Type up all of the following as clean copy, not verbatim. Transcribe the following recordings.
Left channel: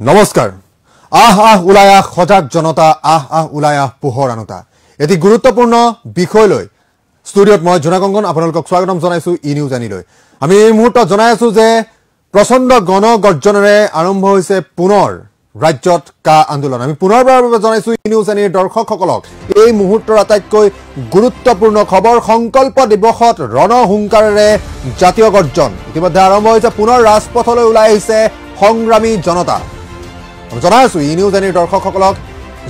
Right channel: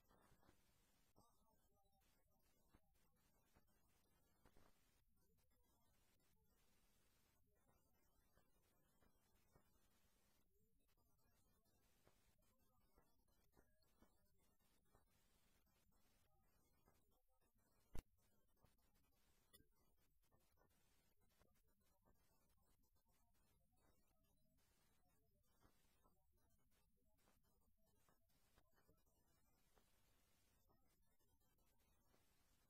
নমস্কাৰ আহ আহ ওলাই আহ সজাগ জনতা আহ আহ ওলাই আহ পোহৰ আনতা এটি গুৰুত্বপূৰ্ণ বিষয় লৈ ষ্টুডিঅত মই জনাগংগন আপোনালোকক স্বাগতম জনাইছো ই নিউজ আনিলৈ আমি এই মুহূৰ্তত জনাই আছো যে প্ৰচণ্ড গণগৰ্জনেৰে আৰম্ভ হৈছে পুনৰ ৰাজ্যত কা আন্দোলন আমি পুনৰবাৰৰ বাবে জনাইছো ই নিউজ আনিৰ দৰ্শকসকলক এই মুহূৰ্তৰ আটাইতকৈ গুৰুত্বপূৰ্ণ খবৰ সংকল্প দিৱসত ৰণহুংকাৰেৰে জাতীয় গৰ্জন ইতিমধ্যে আৰম্ভ হৈছে পুনৰ ৰাজপথলৈ ওলাই আহিছে সংগ্ৰামী জনতা জনাই আছো ই নিউজ আনিৰ দৰ্শকসকলক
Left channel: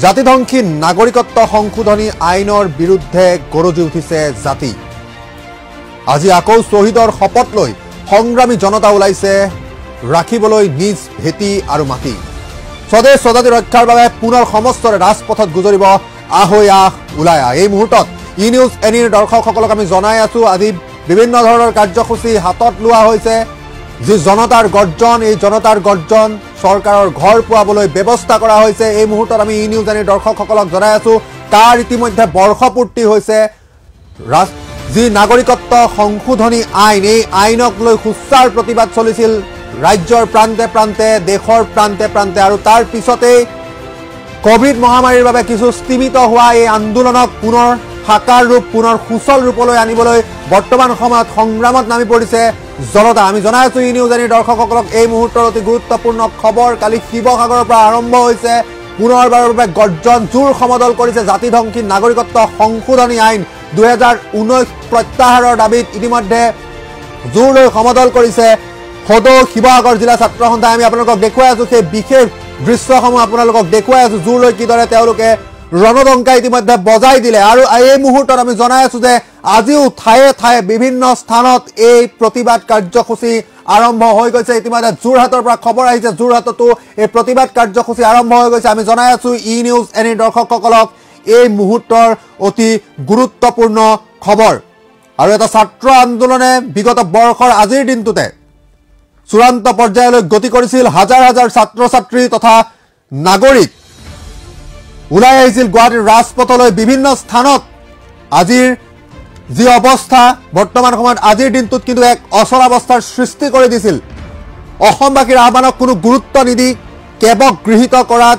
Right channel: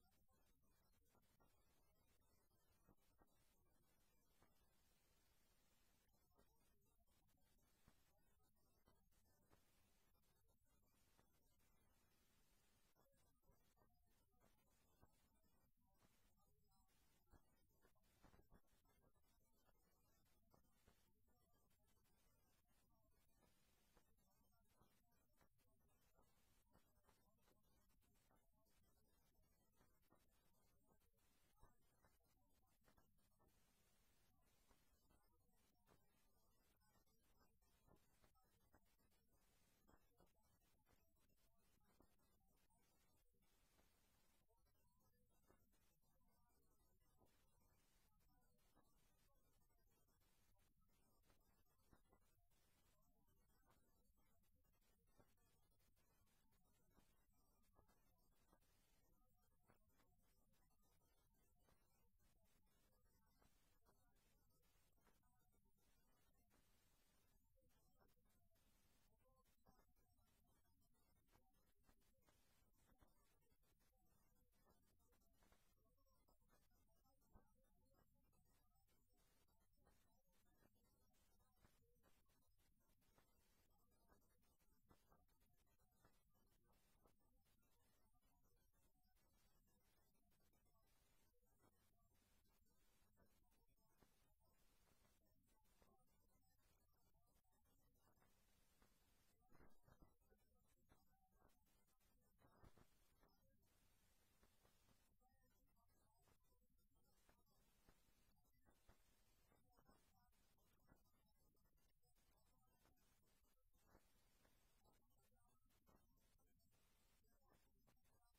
জাতিধ্বংসী নাগৰিকত্ব সংশোধনী আইনৰ বিৰুদ্ধে গৰজি উঠিছে জাতি আজি আকৌ শ্বহীদৰ শপত লৈ সংগ্ৰামী জনতা ওলাইছে ৰাখিবলৈ নিজ ভেটি আৰু মাটি স্বদেশ স্বজাতি ৰক্ষাৰ বাবে পুনৰ সমস্তৰে ৰাজপথত গুজৰিব আহৈ আহ ওলাই আহ এই মুহূৰ্তত ই নিউজ এনিৰ দৰ্শকসকলক আমি জনাই আছো আজি বিভিন্ন ধৰণৰ কাৰ্যসূচী হাতত লোৱা হৈছে যি জনতাৰ গৰ্জন এই জনতাৰ গৰ্জন চৰকাৰৰ ঘৰ পোৱাবলৈ ব্যৱস্থা কৰা হৈছে এই মুহূৰ্তত আমি ই নিউজ আনিৰ দৰ্শকসকলক জনাই আছো তাৰ ইতিমধ্যে বৰ্ষপূৰ্তি হৈছে যি নাগৰিকত্ব সংশোধনী আইন এই আইনক লৈ সুচাৰ প্ৰতিবাদ চলিছিল ৰাজ্যৰ প্ৰান্তে প্ৰান্তে দেশৰ প্ৰান্তে প্ৰান্তে আৰু তাৰ পিছতেই কোভিড মহামাৰীৰ বাবে কিছু স্তিমিত হোৱা এই আন্দোলনক পুনৰ সাকাৰ ৰূপ পুনৰ সুচল ৰূপলৈ আনিবলৈ বৰ্তমান সময়ত সংগ্ৰামত নামি পৰিছে জনতা আমি জনাই আছো ই নিউজ আনিৰ দৰ্শকসকলক এই মুহূৰ্তৰ অতি গুৰুত্বপূৰ্ণ খবৰ কালি শিৱসাগৰৰ পৰা আৰম্ভ হৈছে পুনৰবাৰৰ বাবে গৰ্জন জোৰ সমদল কৰিছে জাতিধ্বংসী নাগৰিকত্ব সংশোধনী আইন 2019 প্ৰত্যাহাৰৰ দাবীত ইতিমধ্যে জোৰ লৈ সমদল কৰিছে সদৌ শিৱসাগৰ জিলা ছাত্ৰ সন্থাই আমি আপোনালোকক দেখুৱাই আছো সেই বিশেষ দৃশ্যসমূহ আপোনালোকক দেখুৱাই আছো জোৰ লৈ কিদৰে তেওঁলোকে ৰণদংকা ইতিমধ্যে বজাই দিলে আৰু এই মুহূৰ্তত আমি জনাই আছো যে আজিও ঠায়ে ঠায়ে বিভিন্ন স্থানত এই প্ৰতিবাদ কাৰ্যসূচী আৰম্ভ হৈ গৈছে ইতিমধ্যে যোৰহাটৰ পৰা খবৰ আহিছে যোৰহাটতো এই প্ৰতিবাদ কাৰ্যসূচী আৰম্ভ হৈ গৈছে আমি জনাই আছো ই নিউজ এনিৰ দৰ্শকসকলক এই মুহূৰ্তৰ অতি গুৰুত্বপূৰ্ণ খবৰ আৰু এটা ছাত্ৰ আন্দোলনে বিগত বৰ্ষৰ আজিৰ দিনটোতে চূড়ান্ত পৰ্যায়লৈ গতি কৰিছিল হাজাৰ হাজাৰ ছাত্ৰ ছাত্ৰী তথা নাগৰিক ওলাই আহিছিল গুৱাহাটীৰ ৰাজপথলৈ বিভিন্ন স্থানত আজিৰ যি অৱস্থা বৰ্তমান সময়ত আজিৰ দিনটোত কিন্তু এক অচলাৱস্থাৰ সৃষ্টি কৰি দিছিল অসমবাসীৰ আহ্বানক কোনো গুৰুত্ব নিদি কেৱল গৃহীত কৰাত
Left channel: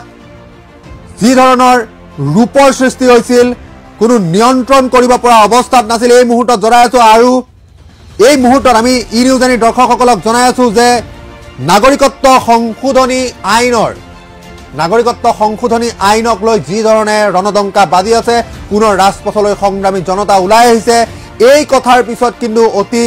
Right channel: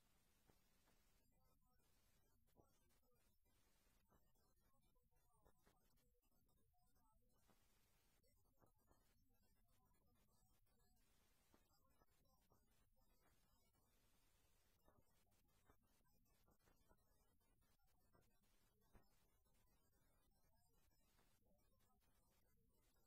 যি ধৰণৰ ৰূপৰ সৃষ্টি হৈছিল কোনো নিয়ন্ত্ৰণ কৰিব পৰা অৱস্থাত নাছিল এই মুহূৰ্তত জনাই আছো আৰু এই মুহূৰ্তত আমি ই নিউজ আনিৰ দৰ্শকসকলক জনাই আছো যে নাগৰিকত্ব সংশোধনী আইনক লৈ যি ধৰণে ৰণদংকা বাজি আছে পুনৰ ৰাজপথলৈ সংগ্ৰামী জনতা ওলাই আহিছে এই কথাৰ পিছত কিন্তু অতি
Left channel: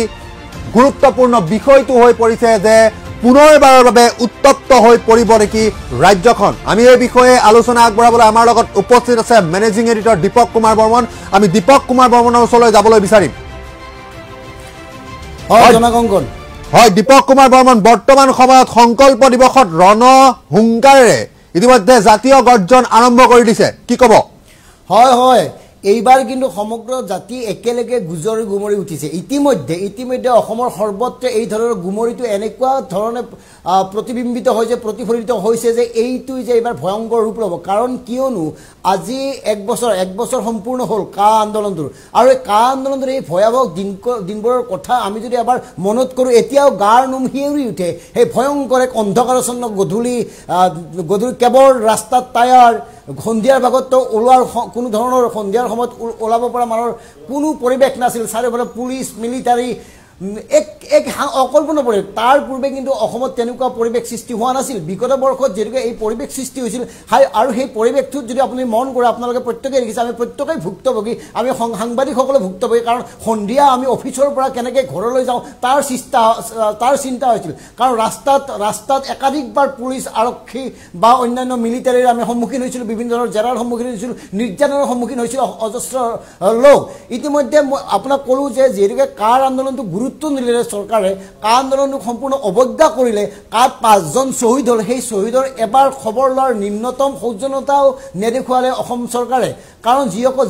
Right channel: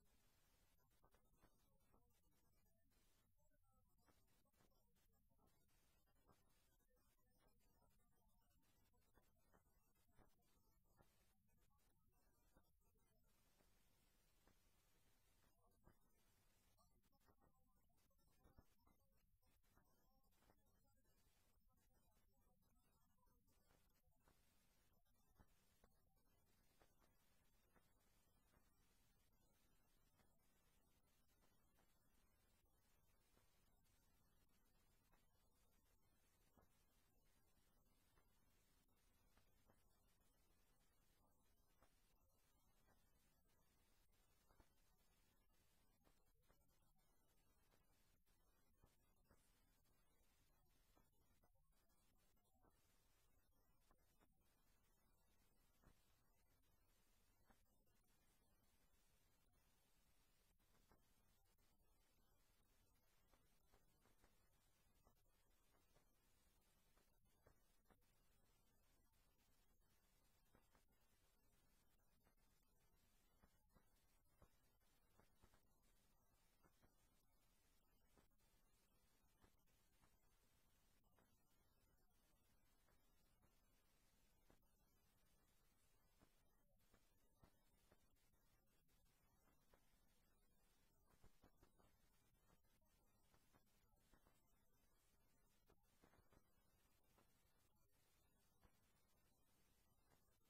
গুৰুত্বপূৰ্ণ বিষয়টো হৈ পৰিছে যে পুনৰবাৰৰ বাবে উত্তপ্ত হৈ পৰিব নেকি ৰাজ্যখন আমি এই বিষয়ে আলোচনা আগবঢ়াবলৈ আমাৰ লগত উপস্থিত আছে মেনেজিং এডিটৰ দীপক কুমাৰ বৰ্মন আমি দীপক কুমাৰ বৰ্মনৰ ওচৰলৈ যাবলৈ বিচাৰিম হয় দীপক কুমাৰ বৰ্মন বৰ্তমান সময়ত সংকল্প দিৱসত ৰণহুংকাৰেৰে ইতিমধ্যে জাতীয় গৰ্জন আৰম্ভ কৰি দিছে কি ক'ব হয় হয় এইবাৰ কিন্তু সমগ্ৰ জাতি একেলগে গুমৰি উঠিছে ইতিমধ্যে অসমৰ সৰ্বত্ৰে এই ধৰণৰ গুমৰিটো এনেকুৱা ধৰণে প্ৰতিবিম্বিত হৈছে প্ৰতিফলিত হৈছে যে এইটো যে এইবাৰ ভয়ংকৰ ৰূপ ল'ব কাৰণ কিয়নো আজি এক বছৰ সম্পূৰ্ণ হ'ল কা আন্দোলনটোৰ আৰু এই কা আন্দোলনটোৰ এই ভয়াৱহ দিনবোৰৰ কথা আমি যদি এবাৰ মনত কৰোঁ এতিয়াও গাৰ নোম শিয়ৰি উঠে সেই ভয়ংকৰ এক অন্ধকাৰচ্ছন্ন গধূলি কেৱল ৰাস্তাত টায়াৰ সন্ধিয়াৰ ভাগতো ওলোৱাৰ কোনো ধৰণৰ সন্ধিয়াৰ সময়ত ওলাব পৰা মানুহৰ কোনো পৰিৱেশ নাছিল চাৰিওফালে পুলিচ মিলিটাৰী এক অকল্পনীয় পৰিৱেশ তাৰ পূৰ্বে কিন্তু অসমত তেনেকুৱা পৰিৱেশ সৃষ্টি হোৱা নাছিল বিগত বৰ্ষত যেনেকৈ এই পৰিৱেশ সৃষ্টি হৈছিল আৰু সেই পৰিৱেশটোত যদি আপুনি মন কৰে আপোনালোকে প্ৰত্যেকেই দেখিছে আমি প্ৰত্যেকেই ভুক্তভোগী আমি সাংবাদিকসকলে ভুক্তভোগী কাৰণ সন্ধিয়া আমি অফিচৰ পৰা কেনেকৈ ঘৰলৈ যাওঁ তাৰ চিন্তা হৈছিল কাৰণ ৰাস্তাত একাধিকবাৰ পুলিচ আৰক্ষী বা অন্যান্য মিলিটাৰীৰ আমি সন্মুখীন হৈছিলোঁ বিভিন্ন ধৰণৰ জেৰাৰ সন্মুখীন হৈছিলোঁ নিৰ্যাতনৰ সন্মুখীন হৈছিল অজস্ৰ লোক ইতিমধ্যে মই আপোনাক ক'লোঁ যে যিহেতুকে কাৰ আন্দোলনটো গুৰুত্ব নিদিলে চৰকাৰে কা আন্দোলনক সম্পূৰ্ণ অৱজ্ঞা কৰিলে কাত 5জন শ্বহীদ হ'ল সেই শ্বহীদৰ এবাৰ খবৰ লোৱাৰ নিম্নতম সৌজন্যতাও নেদেখুৱালে অসম চৰকাৰে কাৰণ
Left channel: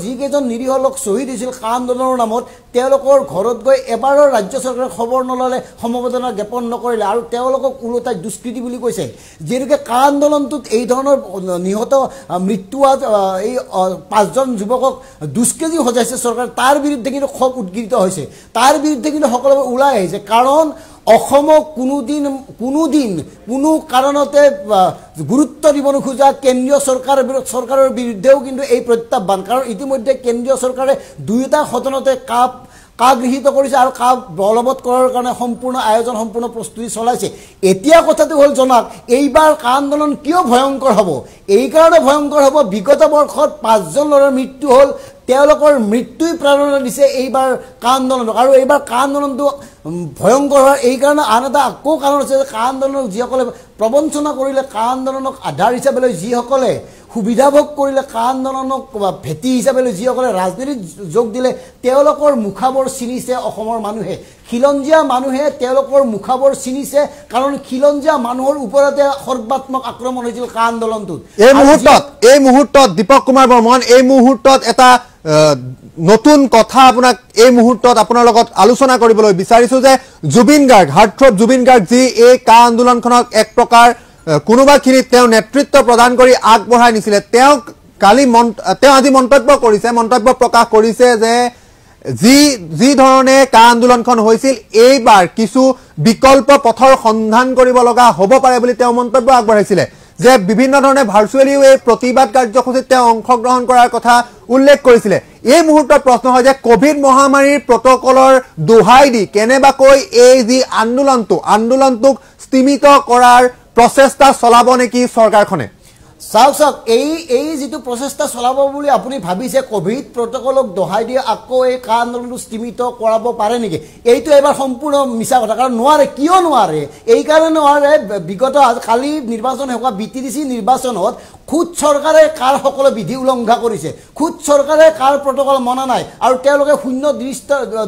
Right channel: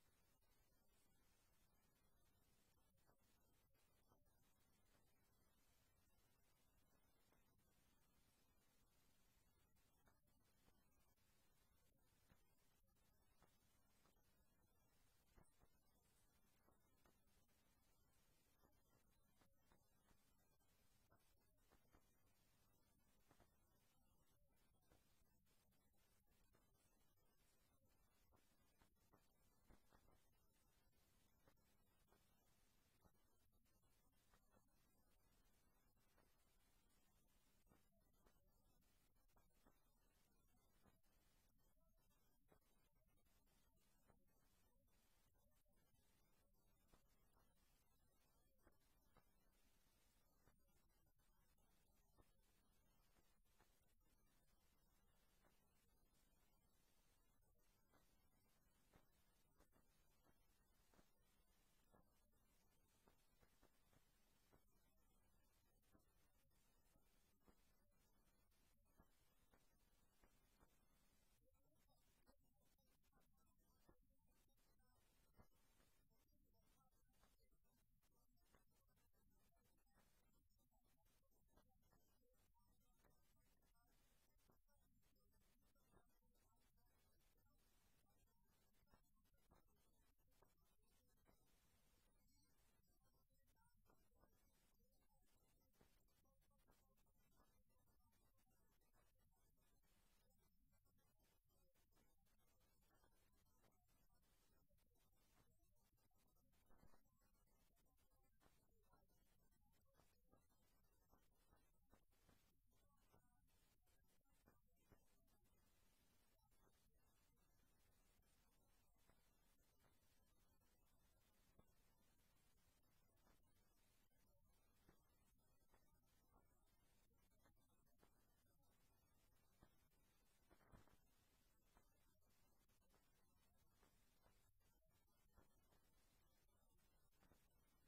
যিকেইজন নিৰীহ লোক শ্বহীদ হৈছিল কা আন্দোলনৰ নামত তেওঁলোকৰ ঘৰত গৈ এবাৰৰ ৰাজ্য চৰকাৰে খবৰ নল'লে সমবেদনা জ্ঞাপন নকৰিলে আৰু তেওঁলোকক ওলোটাই দুষ্কৃতি বুলি কৈছে যিহেতুকে কা আন্দোলনটোত এই ধৰণৰ নিহত মৃত্যু এই 5জন যুৱকক দুষ্কৃতি সজাইছে চৰকাৰে তাৰ বিৰুদ্ধে কিন্তু ক্ষোভ উদ্গীৰিত হৈছে তাৰ বিৰুদ্ধে কিন্তু যিসকলে ওলাই আহিছে কাৰণ অসমক কোনোদিন কোনো কাৰণতে গুৰুত্ব দিব নোখোজা কেন্দ্ৰীয় চৰকাৰৰ বিৰুদ্ধেও কিন্তু এই প্ৰত্যাহ্বান কাৰণ ইতিমধ্যে কেন্দ্ৰীয় চৰকাৰে দুয়োটা সদনতে গৃহীত কৰিছে আৰু বলবৎ কৰাৰ কাৰণে সম্পূৰ্ণ আয়োজন সম্পূৰ্ণ প্ৰস্তুতি চলাইছে এতিয়া কথাটো হ'ল জনাক এইবাৰ আন্দোলন কিয় ভয়ংকৰ হ'ব এই কাৰণে ভয়ংকৰ হ'ব বিগত বৰ্ষত 5জন ল'ৰাৰ মৃত্যু হ'ল তেওঁলোকৰ মৃত্যুই প্ৰেৰণা দিছে এইবাৰ আন্দোলন আৰু এইবাৰ আন্দোলনটো ভয়ংকৰ হোৱাৰ এই কাৰণে আন এটা আকৌ কাৰণ আছে যে আন্দোলনক যিসকলে প্ৰবঞ্চনা কৰিলে আন্দোলনক আধাৰ হিচাপে লৈ যিসকলে সুবিধা ভোগ কৰিলে আন্দোলনক ভেটি হিচাপে লৈ যিসকলে ৰাজনীতিত যোগ দিলে তেওঁলোকৰ মুখাবোৰ চিনিছে অসমৰ মানুহে খিলঞ্জীয়া মানুহে তেওঁলোকৰ মুখাবোৰ চিনিছে কাৰণ খিলঞ্জীয়া মানুহৰ ওপৰতে সৰ্বাত্মক আক্ৰমণ হৈছিল আন্দোলনটোত এই মুহূৰ্তত দীপক কুমাৰ বৰ্মন এই মুহূৰ্তত এটা নতুন কথা আপোনাক এই মুহূৰ্তত আপোনাৰ লগত আলোচনা কৰিবলৈ বিচাৰিছো যে জুবিন গাৰ্গ হাৰ্টথ্ৰব জুবিন গাৰ্গ যি এই আন্দোলনখনক এক প্ৰকাৰ কোনোবাখিনিত তেওঁ নেতৃত্ব প্ৰদান কৰি আগবঢ়াই নিছিলে তেওঁ আজি মন্তব্য প্ৰকাশ কৰিছে যে যি ধৰণে আন্দোলনখন হৈছিল এইবাৰ কিছু বিকল্প পথৰ সন্ধান কৰিব লগা হ'ব পাৰে বুলি তেওঁ মন্তব্য আগবঢ়াইছিলে যে বিভিন্ন ধৰণে ভাৰ্চুৱেলিও এই প্ৰতিবাদ কাৰ্যসূচীত তেওঁ অংশগ্ৰহণ কৰাৰ কথা উল্লেখ কৰিছিলে এই মুহূৰ্তত প্ৰশ্ন হয় যে কোভিড মহামাৰীৰ প্ৰটকলৰ দোহাই দি কেনেবাকৈ এই যি আন্দোলনটোক স্তীমিত কৰাৰ প্ৰচেষ্টা চলাব নেকি চৰকাৰখনে চাওক এই যিটো প্ৰচেষ্টা চলাব বুলি আপুনি ভাবিছে কোভিড প্ৰটকলক দোহাই দিয়ে আকৌ এই আন্দোলনটো স্তীমিত কৰাব পাৰে নেকি এইটো এবাৰ সম্পূৰ্ণ মিছা কথা কাৰণ নোৱাৰে কিয় নোৱাৰে এই কাৰণে নোৱাৰে বিগত কালি নিৰ্বাচন হোৱা BTDC নিৰ্বাচনত খুদ চৰকাৰে সকলো বিধি উলংঘা কৰিছে খুদ চৰকাৰে প্ৰটকল মনা নাই আৰু তেওঁলোকে শূন্য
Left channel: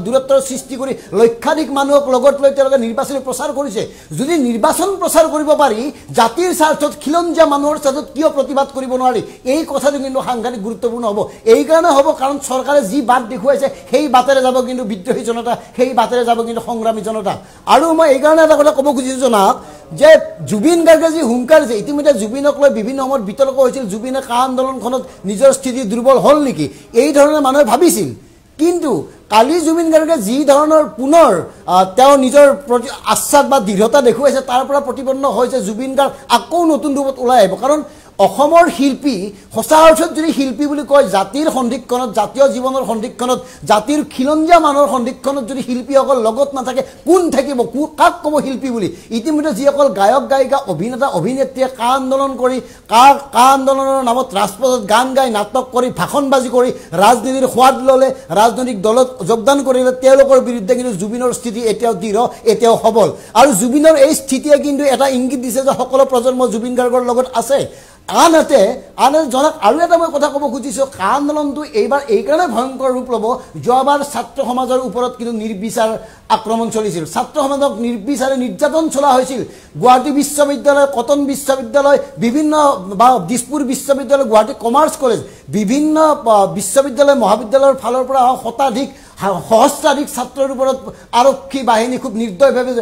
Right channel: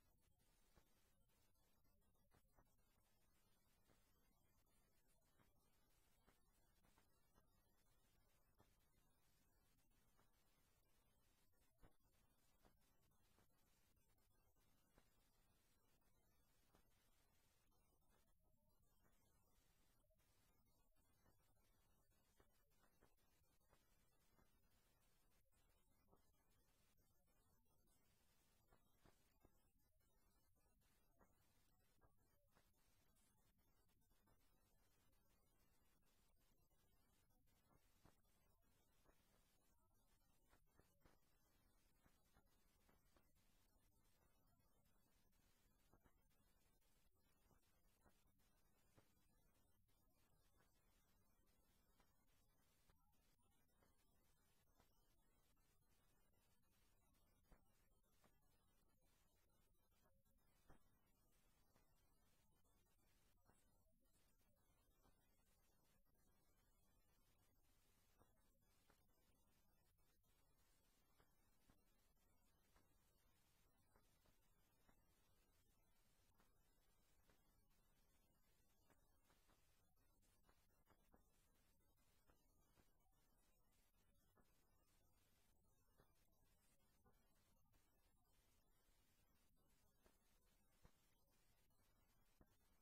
দূৰত্বৰ সৃষ্টি কৰি লক্ষাধিক মানুহক লগত লৈ তেওঁলোকে নিৰ্বাচনী প্ৰচাৰ কৰিছে যদি নিৰ্বাচন প্ৰচাৰ কৰিব পাৰি জাতিৰ স্বাৰ্থত খিলঞ্জীয়া মানুহৰ স্বাৰ্থত কিয় প্ৰতিবাদ কৰিব নোৱাৰি এই কথাটো কিন্তু সাংঘাতিক গুৰুত্বপূৰ্ণ হ'ব এই কাৰণে হ'ব কাৰণ চৰকাৰে যি বাট দেখুৱাইছে সেই বাটেৰে যাব কিন্তু বিদ্ৰোহী জনতা সেই বাটেৰে যাব কিন্তু সংগ্ৰামী জনতা আৰু মই এই কাৰণে এটা কথা ক'ব খুজিছোঁ জনাক যে জুবিন গাৰ্গে যি হুংকাৰ দিছে ইতিমধ্যে জুবিনক লৈ বিভিন্ন সময়ত বিতৰ্ক হৈছিল জুবিনে আন্দোলনখনত নিজৰ স্থিতি দুৰ্বল হ'ল নেকি এই ধৰণে মানুহে ভাবিছিল কিন্তু কালি জুবিন গাৰ্গে যি ধৰণৰ পুনৰ তেওঁ নিজৰ প্ৰতি আশ্বাস বা দৃঢ়তা দেখুৱাইছে তাৰ পৰা প্ৰতিপন্ন হৈছে জুবিন গাৰ্গ আকৌ নতুন ৰূপত ওলাই আহিব কাৰণ অসমৰ শিল্পী সঁচা অৰ্থত যদি শিল্পী বুলি কয় জাতিৰ সন্ধিক্ষণত জাতীয় জীৱনৰ সন্ধিক্ষণত জাতিৰ খিলঞ্জীয়া মানুহৰ সন্ধিক্ষণত যদি শিল্পীসকল লগত নাথাকে কোন থাকিব কাক ক'ব শিল্পী বুলি ইতিমধ্যে যিসকল গায়ক গায়িকা অভিনেতা অভিনেত্ৰীয়ে আন্দোলন কৰি আন্দোলনৰ নামত ৰাজপথত গান গাই নাটক কৰি ভাষণবাজি কৰি ৰাজনীতিৰ সোৱাদ ল'লে ৰাজনৈতিক দলত যোগদান কৰিলে তেওঁলোকৰ বিৰুদ্ধে কিন্তু জুবিনৰ স্থিতি এতিয়াও দৃঢ় এতিয়াও সবল আৰু জুবিনৰ এই স্থিতিয়ে কিন্তু এটা ইংগিত দিছে যে সকলো প্ৰজন্ম জুবিন গাৰ্গৰ লগত আছে আনহাতে জনক আৰু এটা মই কথা ক'ব খুজিছোঁ আন্দোলনটো এইবাৰ এই কাৰণে ভয়ংকৰ ৰূপ ল'ব যোৱাবাৰ ছাত্ৰ সমাজৰ ওপৰত কিন্তু নিৰ্বিচাৰ আক্ৰমণ চলিছিল ছাত্ৰ সমাজক নিৰ্বিচাৰে নিৰ্যাতন চলা হৈছিল গুৱাহাটী বিশ্ববিদ্যালয় কটন বিশ্ববিদ্যালয় বিভিন্ন বা দিছপুৰ বিশ্ববিদ্যালয় গুৱাহাটী কমাৰ্চ কলেজ বিভিন্ন বিশ্ববিদ্যালয় মহাবিদ্যালয়ৰ ফালৰ পৰা সহস্ৰাধিক ছাত্ৰৰ ওপৰত আৰক্ষী বাহিনী খুব নিৰ্দয়ভাৱে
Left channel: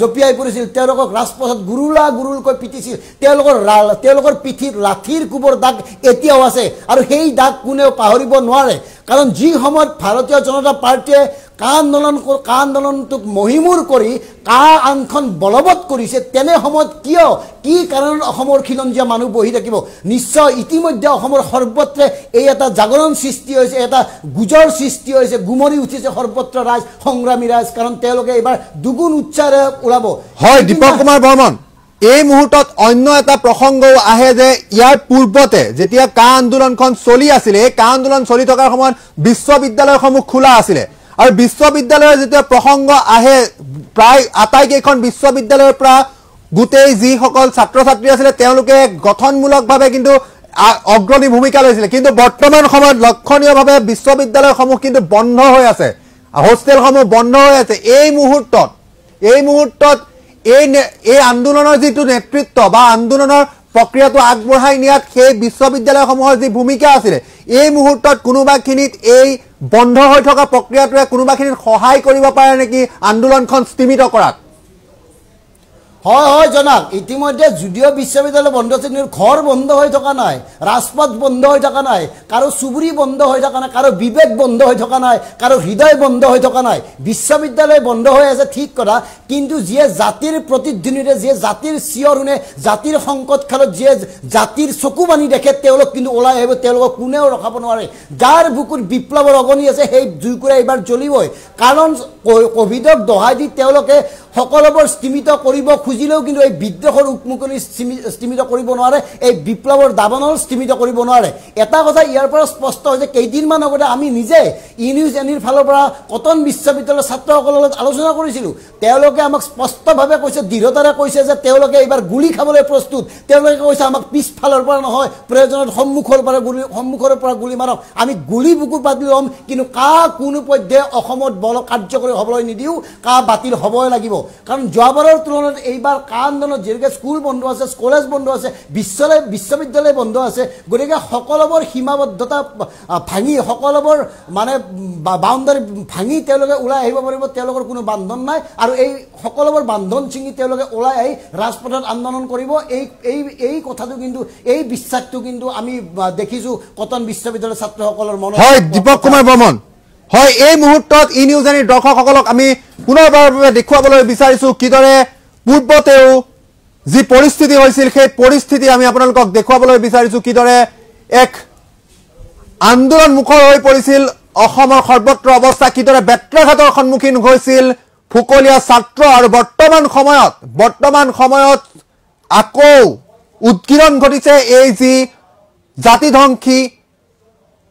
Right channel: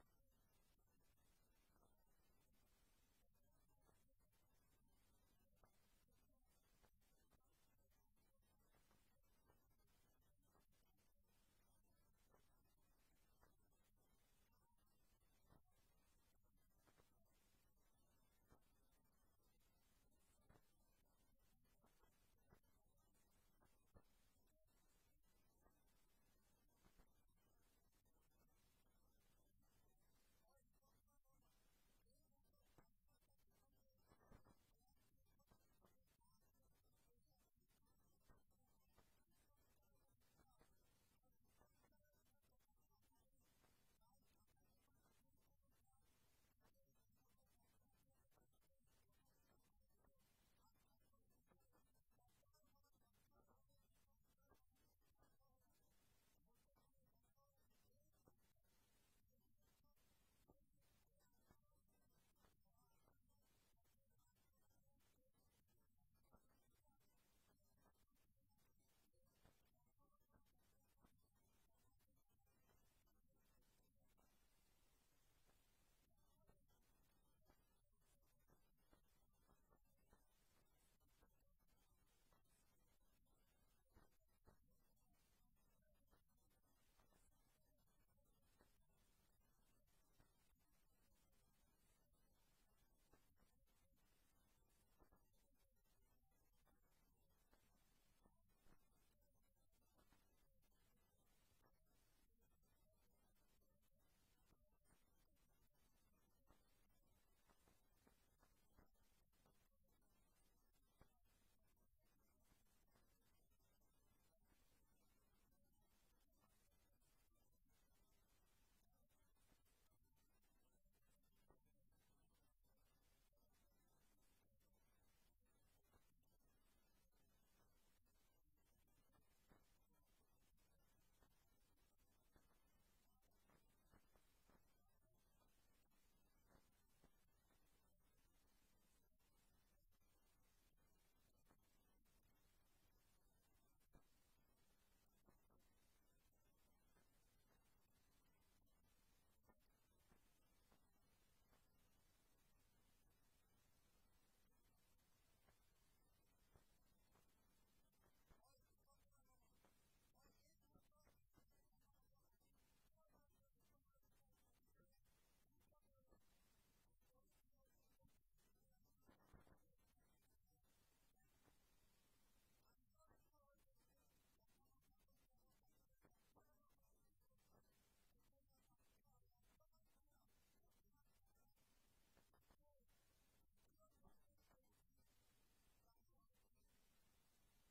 জঁপিয়াই পৰিছিল তেওঁলোকক ৰাজপথত গুৰুলকৈ পিটিছিল তেওঁলোকৰ পিঠিত লাঠিৰ কোবৰ দাগ এতিয়াও আছে আৰু সেই দাগ কোনেও পাহৰিব নোৱাৰে কাৰণ যি সময়ত ভাৰতীয় জনতা পাৰ্টীয়ে আন্দোলনটোক মহিমূৰ কৰি আনখন বলবৎ কৰিছে তেনে সময়ত কি কাৰণত অসমৰ খিলঞ্জীয়া মানুহ বহি থাকিব নিশ্চয় ইতিমধ্যে অসমৰ সৰ্বত্ৰে এই এটা জাগৰণ সৃষ্টি হৈছে এটা গুজৰ সৃষ্টি হৈছে গুমৰি উঠিছে সৰ্বত্ৰ ৰাজ সংগ্ৰামী ৰাজ কাৰণ তেওঁলোকে এইবাৰ দুগুণ উচ্চাৰে ওলাব হয় দীপক কুমাৰ বৰ্মন এই মুহূৰ্তত অন্য এটা প্ৰসংগও আহে যে ইয়াৰ পূৰ্বতে যেতিয়া আন্দোলনখন চলি আছিল এই আন্দোলন চলি থকাৰ সময়ত বিশ্ববিদ্যালয়সমূহ খোলা আছিলে আৰু বিশ্ববিদ্যালয়ৰ যেতিয়া প্ৰসংগ আহে প্ৰায় আটাইকেইখন বিশ্ববিদ্যালয়ৰ পৰা গোটেই যিসকল ছাত্ৰ ছাত্ৰী আছিলে তেওঁলোকে গঠনমূলকভাৱে কিন্তু অগ্ৰণী ভূমিকা লৈছিলে কিন্তু বৰ্তমান সময়ত লক্ষণীয়ভাৱে বিশ্ববিদ্যালয়সমূহ কিন্তু বন্ধ হৈ আছে হোষ্টেলসমূহ বন্ধ হৈ আছে এই মুহূৰ্তত এই আন্দোলনৰ যিটো নেতৃত্ব বা আন্দোলনৰ প্ৰক্ৰিয়াটো আগবঢ়াই নিয়াত সেই বিশ্ববিদ্যালয়সমূহৰ যি ভূমিকা আছিলে এই মুহূৰ্তত কোনোবাখিনিত এই বন্ধ হৈ থকা প্ৰক্ৰিয়াটোৱে কোনোবাখিনিত সহায় কৰিব পাৰে নেকি আন্দোলনখন স্তীমিত কৰাত হয় হয় জনাক ইতিমধ্যে যদিও বিশ্ববিদ্যালয় বন্ধ আছে কিন্তু ঘৰ বন্ধ হৈ থকা নাই ৰাজপথ বন্ধ হৈ থকা নাই কাৰো চুবুৰী বন্ধ হৈ থকা নাই কাৰো বিবেক বন্ধ হৈ থকা নাই কাৰো হৃদয় বন্ধ হৈ থকা নাই বিশ্ববিদ্যালয় বন্ধ হৈ আছে ঠিক কথা কিন্তু যিয়ে জাতিৰ প্ৰতিধ্বনিৰে যিয়ে জাতিৰ চিঞৰ শুনে জাতিৰ সংকট কালত যিয়ে জাতিৰ চকু বানি দেখে তেওঁলোক কিন্তু ওলাই আহিব তেওঁলোকক কোনেও ৰখাব নোৱাৰে যাৰ বুকুত বিপ্লৱৰ অগনি আছে সেই জুইকুৰা এইবাৰ জ্বলিবই কাৰণ কোভিডক দহাই দি তেওঁলোকে সকলোবোৰ স্থিমিত কৰিব খুজিলেও কিন্তু এই বিদ্ৰোহৰ উকমুকনি স্থিমিত কৰিব নোৱাৰে এই বিপ্লৱৰ দাবানল স্থিমিত কৰিব নোৱাৰে এটা কথা ইয়াৰ পৰা স্পষ্ট হৈছে কেইদিনমান আগতে আমি নিজে নিউজ এনিৰ ফালৰ পৰা কটন বিশ্ববিদ্যালয়ৰ ছাত্ৰসকলৰ লগত আলোচনা কৰিছিলোঁ তেওঁলোকে আমাক স্পষ্টভাৱে কৈছে দৃঢ়তাৰে কৈছে যে তেওঁলোকে এইবাৰ গুলি খাবলৈ প্ৰস্তুত তেওঁলোকে কৈছে আমাক পিছফালৰ পৰা নহয় প্ৰয়োজনত সন্মুখৰ পৰা গুলি মাৰক আমি গুলি বুকু পাতি ল'ম কিন্তু কোনো পৰ্যায়ে অসমত বল কাৰ্যকৰী হ'বলৈ নিদিওঁ বাতিল হ'বই লাগিব কাৰণ যোৱাবাৰৰ তুলনাত এইবাৰ আন্দোলনত যেনেকৈ স্কুল বন্ধ আছে কলেজ বন্ধ আছে বিশ্ববিদ্যালয় বন্ধ আছে গতিকে সকলোবোৰ সীমাবদ্ধতা ভাঙি সকলোবোৰ মানে বাউণ্ডাৰী ভাঙি তেওঁলোকে ওলাই আহিব পাৰিব তেওঁলোকৰ কোনো বান্ধন নাই আৰু এই সকলোবোৰ বান্ধন ছিঙি তেওঁলোকে ওলাই আহি ৰাজপথত আন্দোলন কৰিব এই কথাটো কিন্তু এই বিশ্বাসটো কিন্তু আমি দেখিছোঁ কটন বিশ্ববিদ্যালয়ৰ ছাত্ৰসকলৰ মনত হয় দীপক কুমাৰ বৰ্মন হয় এই মুহূৰ্তত ই নিউজ এনিৰ দৰ্শকসকলক আমি পুনৰবাৰৰ বাবে দেখুৱাবলৈ বিচাৰিছোঁ কিদৰে পূৰ্বতেও যি পৰিস্থিতি হৈছিল সেই পৰিস্থিতি আমি আপোনালোকক দেখুৱাবলৈ বিচাৰিছোঁ কিদৰে এক আন্দোলন মুখৰ হৈ পৰিছিল অসমৰ সৰ্বত্ৰ অৱস্থা কিদৰে বেত্ৰাঘাতৰ সন্মুখীন হৈছিল ফুকলীয়া ছাত্ৰ আৰু বৰ্তমান সময়ত আকৌ উৎকীৰ্ণ ঘটিছে এই যি জাতিধ্বংসী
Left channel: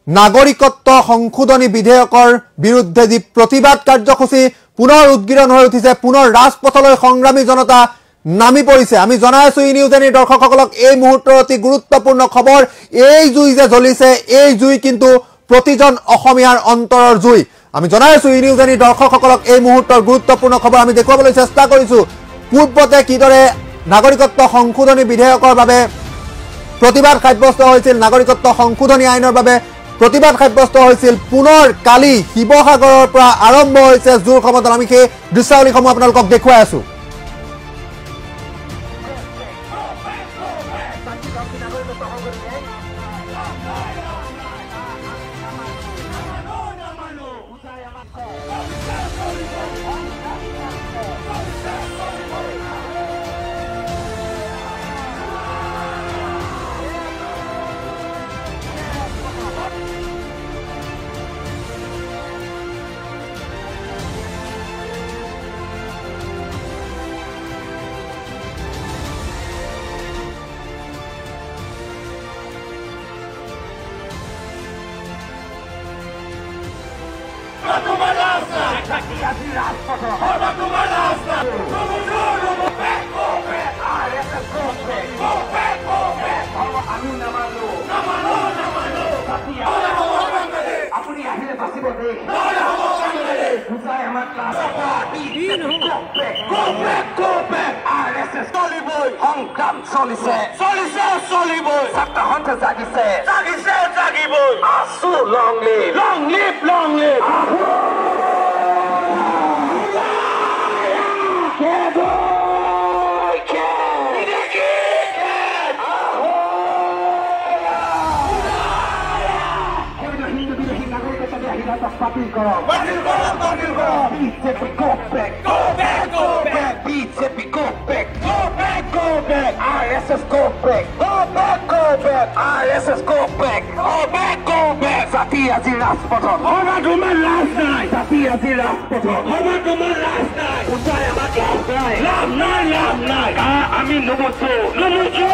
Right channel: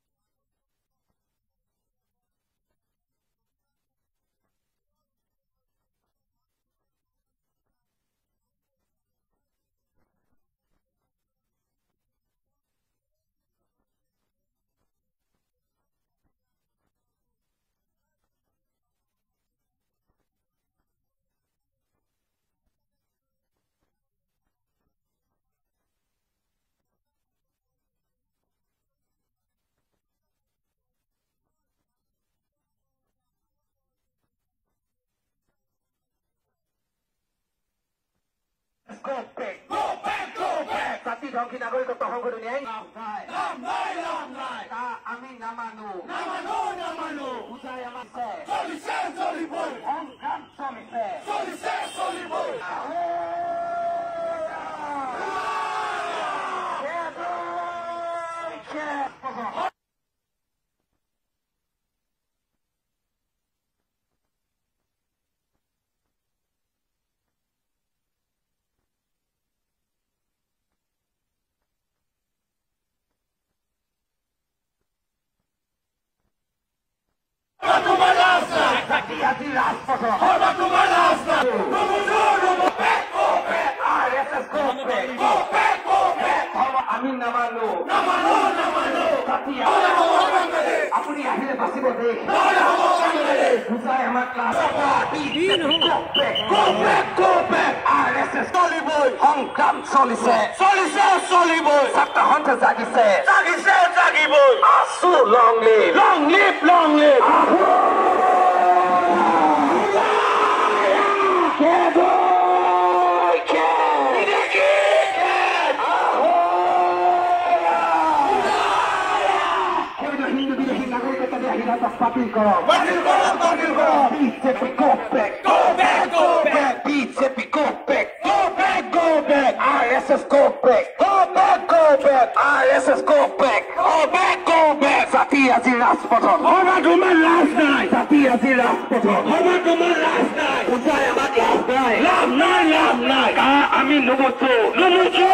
নাগৰিকত্ব সংশোধনী বিধেয়কৰ বিৰুদ্ধে যি প্ৰতিবাদ কাৰ্যসূচী পুনৰ উৎকীৰ্ণ হৈ উঠিছে পুনৰ ৰাজপথলৈ সংগ্ৰামী জনতা নামি পৰিছে আমি জনাই আছো ই নিউজ এনিৰ দৰ্শকসকলক এই মুহূৰ্তৰ অতি গুৰুত্বপূৰ্ণ খবৰ এই জুই যে জ্বলিছে এই জুই কিন্তু প্ৰতিজন অসমীয়াৰ অন্তৰৰ জুই আমি জনাই আছো ই নিউজ এনিৰ দৰ্শকসকলক এই মুহূৰ্তৰ গুৰুত্বপূৰ্ণ খবৰ আমি দেখুৱাবলৈ চেষ্টা কৰিছো পূৰ্বতে কিদৰে নাগৰিকত্ব সংশোধনী বিধেয়কৰ বাবে প্ৰতিবাদ সাব্যস্ত হৈছিল নাগৰিকত্ব সংশোধনী আইনৰ বাবে প্ৰতিবাদ সাব্যস্ত হৈছিল পুনৰ কালি শিৱসাগৰৰ পৰা আৰম্ভ হৈছে জোৰ সমদল আমি সেই দৃশ্যাৱলীসমূহ আপোনালোকক দেখুৱাই আছো আমি নুবুজো